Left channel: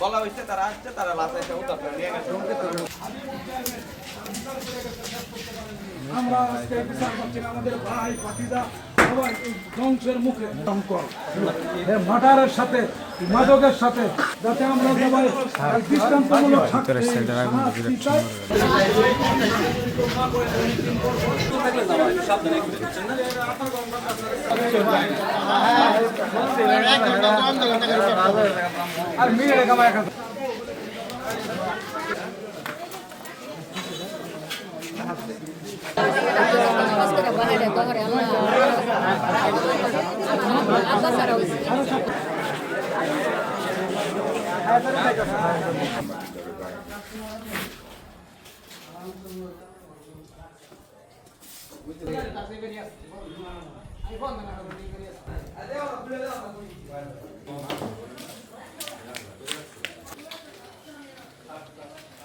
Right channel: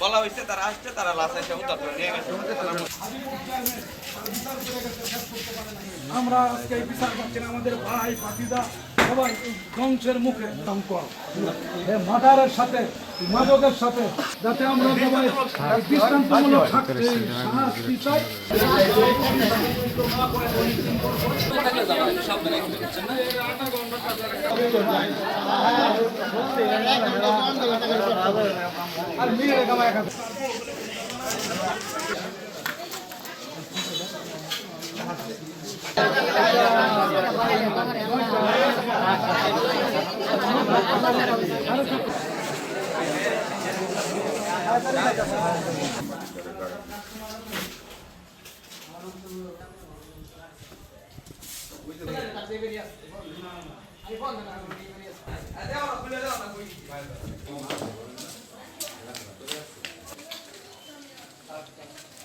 বলা হয়েছে তারা আসছে, তারা লাশ এসে উদ্ধার করে নিয়ে গেছে। আমরা আজকে বিচার করছি না, আমাদের ভাই ভাতিজা সবাই এই ধ্বংসের মুখে মার্ডারের সাথে মাদকের সাথে, যাতে আমরা সবাই দৃষ্টান্তমূলক শাস্তি চাই। আর মেয়ে কামায়